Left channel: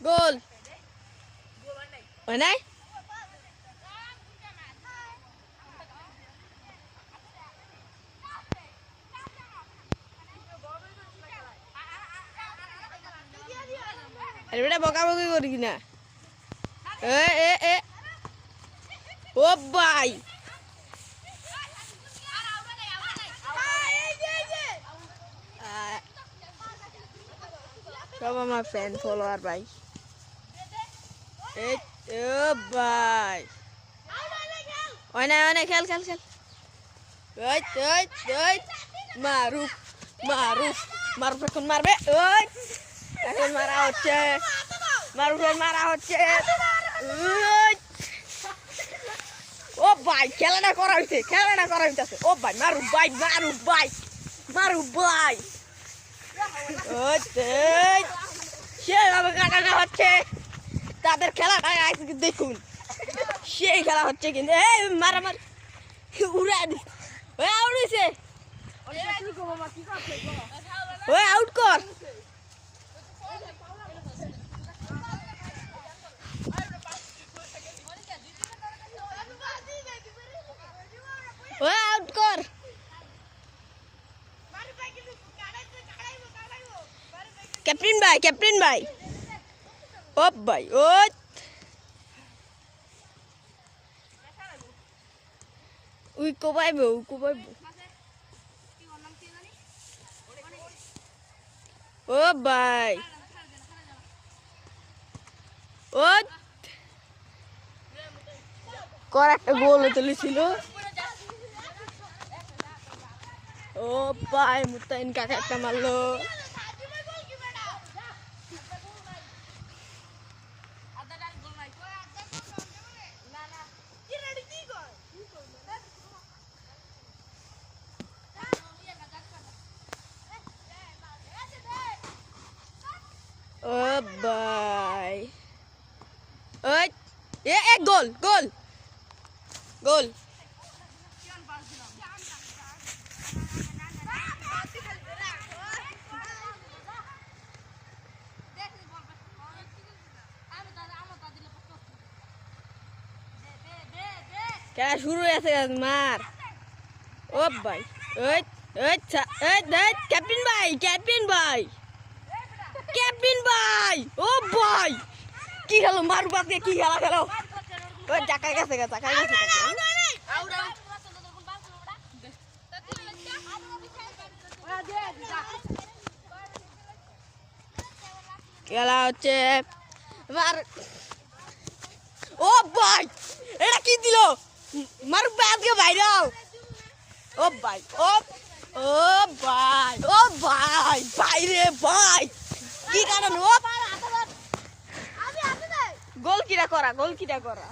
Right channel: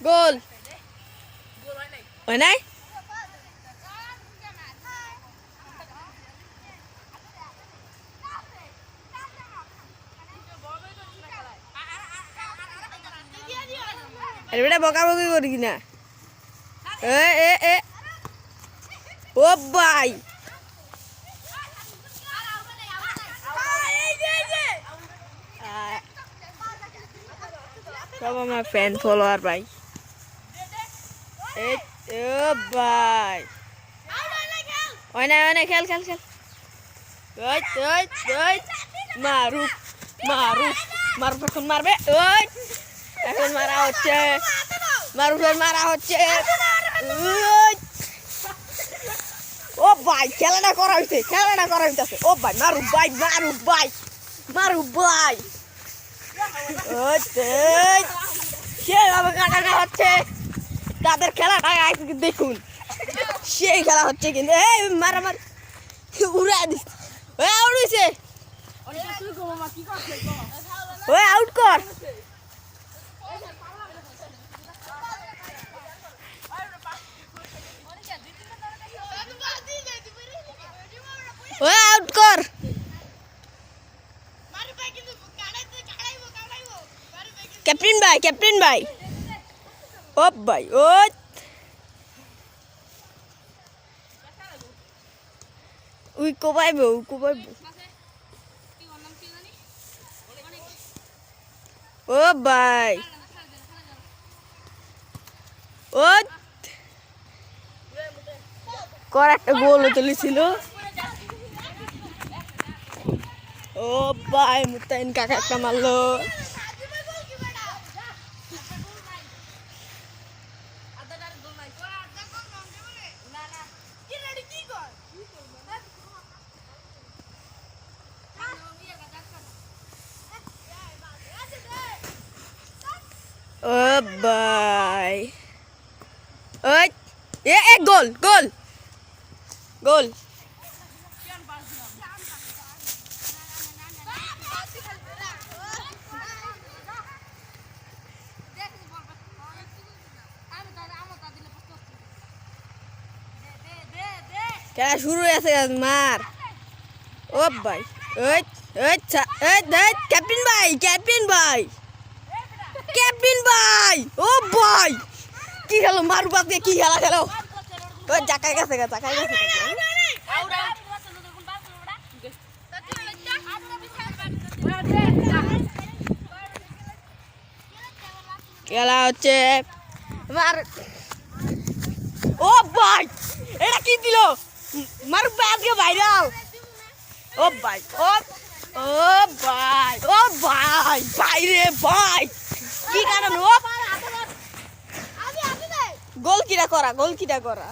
গোল হয় নাই এটা বকাবকি করি কিনা ও ভাই সব আমার ফ্যান ফলোয়ার ভাই ভাই হয় না খেল খেল খেল মারু মারু মারু এখন মারবে এখন মারা হচ্ছে মারুফের মারা হচ্ছে ও ভাই খেলাটা করা হইতেছে ও ভাই মারু ভাই মারু ভাই কাটা হচ্ছে তাদের খেলাটা দেখুন সেই খেলা হচ্ছে কিন্তু এই মারামার উড়াই দিস আউট হয়েছে আউট কর আউট কর ক্যাপ্টেন ভাই ও ভাই উই কোবাইবো ও ভাই কর একটা গোল চলেছিল ও ভাই মুতাইন কাকা একটা মারলো ও ভাই গোল খেলা শুরু হয়েছে মার ও ভাই ক্যাপ্টেন ভাই ও ভাই কি খেলো মারু বাদকে কি খেলো জাকায় গেছে খেলা হচ্ছে ও ভাই এটা কি দিল মারু বাদকে ভাইরাল ও ভাই ভাই রে ভাই কি কারণ গোল কিরা করা